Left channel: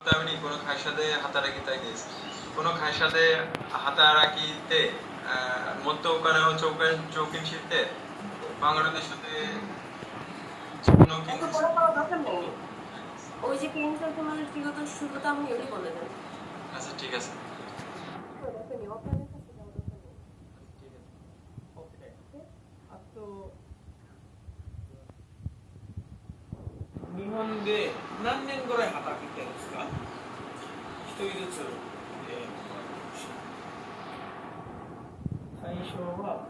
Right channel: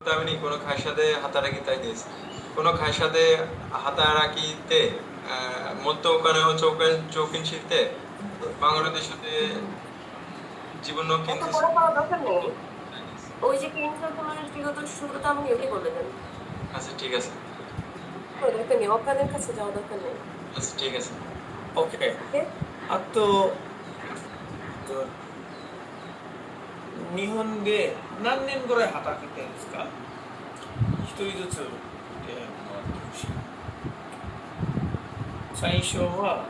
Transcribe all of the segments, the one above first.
তেমনি কোনো খায়ের সাথে হাতারাকি তাই দিয়েছে কোনো খায়ের সাথে হাতারাকিতে মধ্যকানে চৌকিন শিলতে বাংলাদেশের সাথে জীবন এত বড় করার দরকার নেই। ওই যে ক্লিনিক্যাল তোমার বিগত শুরুতে আমি এমনি বলে দেন। আচ্ছা ঠিক আছে ওই দরকার নেই, অকাদের কাছে যাওয়া দরকার নেই। আচ্ছা ঠিক আছে Okay. ওকে? 日本で何年ぐらい働いてるんですか？一人ずつでもらってほしい。最初は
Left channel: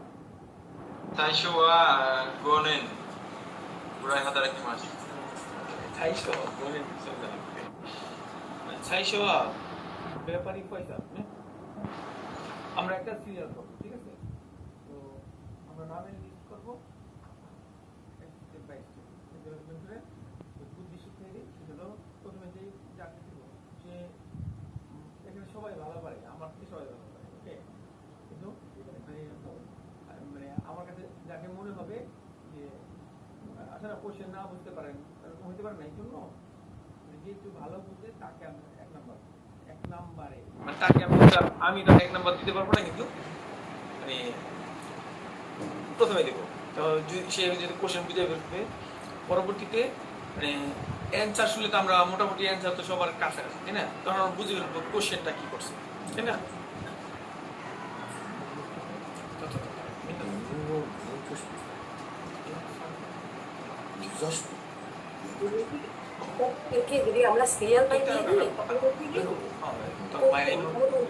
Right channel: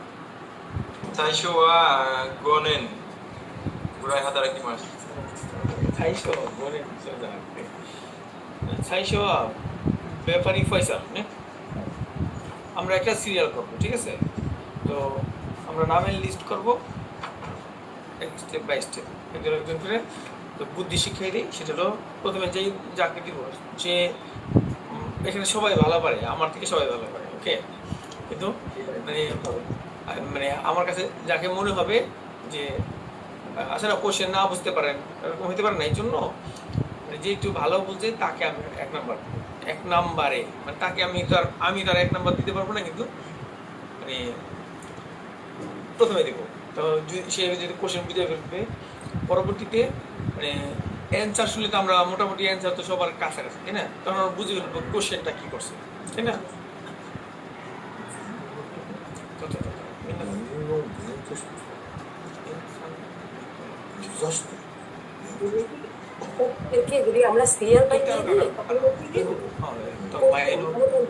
最初は5年ぐらい働きました最初は5年そうじゃなくて最初はペーパーリーファイサーねআমরা একটা সিরিয়াল করব ঠিক আছে তো আমরা নামের লিস্ট করব স্টেপ বাই স্টেপ একজন একজন করে তো বুদ্ধি শিখিয়ে দিই সেটা হলো প্রথমে যেই যাকে দিব যে এখানে সবাই ভালো পারে আমার থেকে সবাই ভালো পারে ওকে কিন্তু মানে মানে আমার কাছে যাকে মনে হবে যে আসলে কোশ্চেন না বুঝতে পারেন এরকম হতে পারে না এই জন্য যে একটু ভালো বলছে তাকে আমি এক নাম্বারে মানে তাকে আমি তার এক নাম্বার দিতে পারবো না কিন্তু মানে প্রথমে দেবো তো সে যদি কোশ্চেন বুঝে ফেলবে পরবর্তীতে মানে অ্যান্সার শুনলে তো আমরা মোটামুটি অ্যান্সার তো সবার কাছাকাছি তাই না তখন আমরা বুঝে ফেলবো কোশ্চেনটা কি করছে তাই না ওকে, যদি আমরা সিরিয়াল বাই দিয়ে দিই তাহলে হচ্ছে কি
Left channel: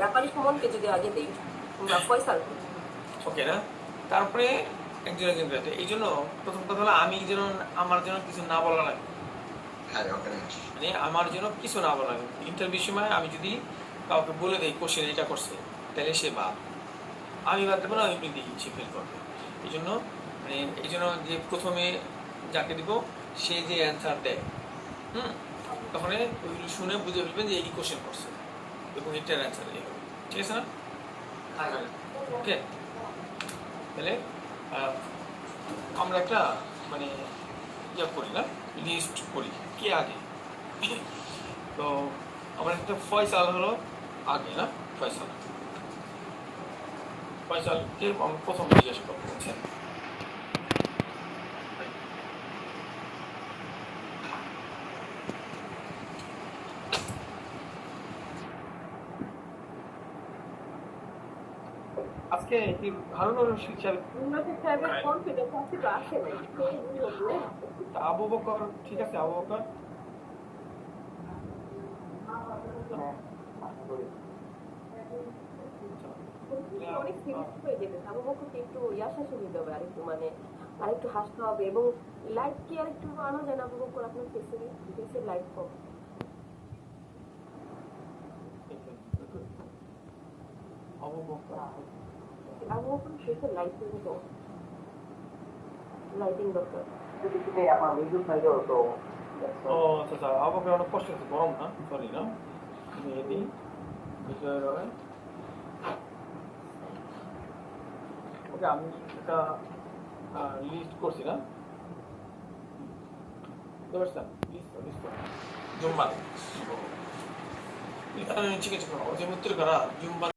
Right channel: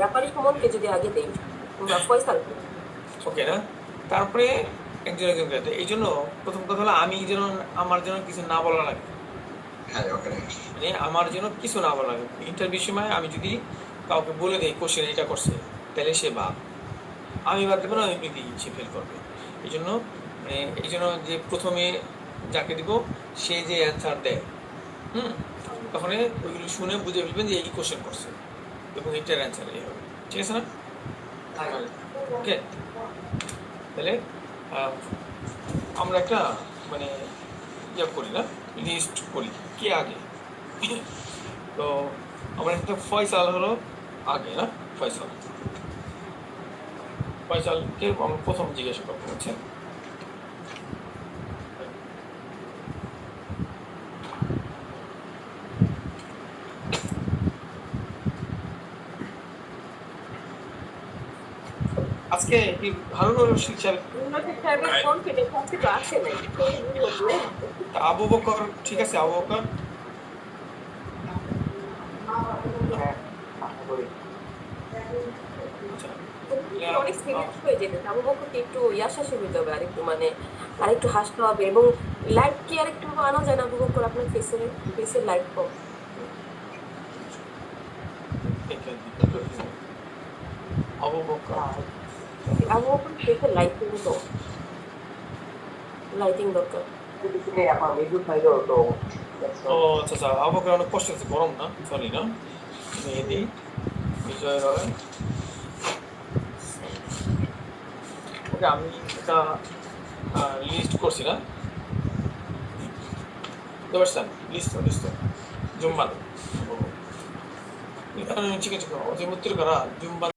ব্যাপারী সম্বন্ধে যদি আগে দিই আমরা ফয়সাল ওকে না তারপরে একজন একজন এই জন্য প্রথম কথা হলো আমি যেন আমার যেন কিছু না বলা লাগে মানে আমার যেন কিছু না বলা লাগে ইন্টারভিউ সময় আমি যদি কাউকে বলে দিই কোশ্চেন এটা করছে তাহলে সে বাদ আমি বাদ দেবো না এমনি দিই সে ফেল করবে এই জন্য মানে এই জন্য যে প্রথমে যাকে দিব সে যে অ্যান্সার দেয় তখন ওইগুলো শুনে বুঝে ফেলবেন যে এই কোশ্চেন করছে এবং এটার অ্যান্সার এই হবে ঠিক আছে না ওকে তাহলে আমরা একটা মানে ইয়ে করি না লিস্ট করি কে আগে তো আমার একটা ফয়সাল হলো আগে না ফয়সালকে আমরা প্রথম জিজ্ঞাসা করতে পারছেন আজকে কি ভালো শিক্ষা আবু বকর ঠিক আছে আবু বকর অনেক সিরিয়াস হয়ে যেতে আবু বকরকে একটু ইয়াশাসী হইতে হবে আরেকটু মানে আরেকটু হাসতে হবে এবং লাইভ কি আরেকটু আনা যায় না আবু বকর আপনার ফেসের লাইভ কম আবু বকর ফেসের লাইটিং তো লাইটিং দরকার ও আচ্ছা আচ্ছা আবু বকর অনেক কষ্ট হচ্ছে গরম না সরি না মেহেদি বিজয় রয় ওকে আমি একটা লিস্ট করছি না বুঝতে লিস্ট জুম্বাল ঠিক আছে যে মুক্তির করা জুম্বাল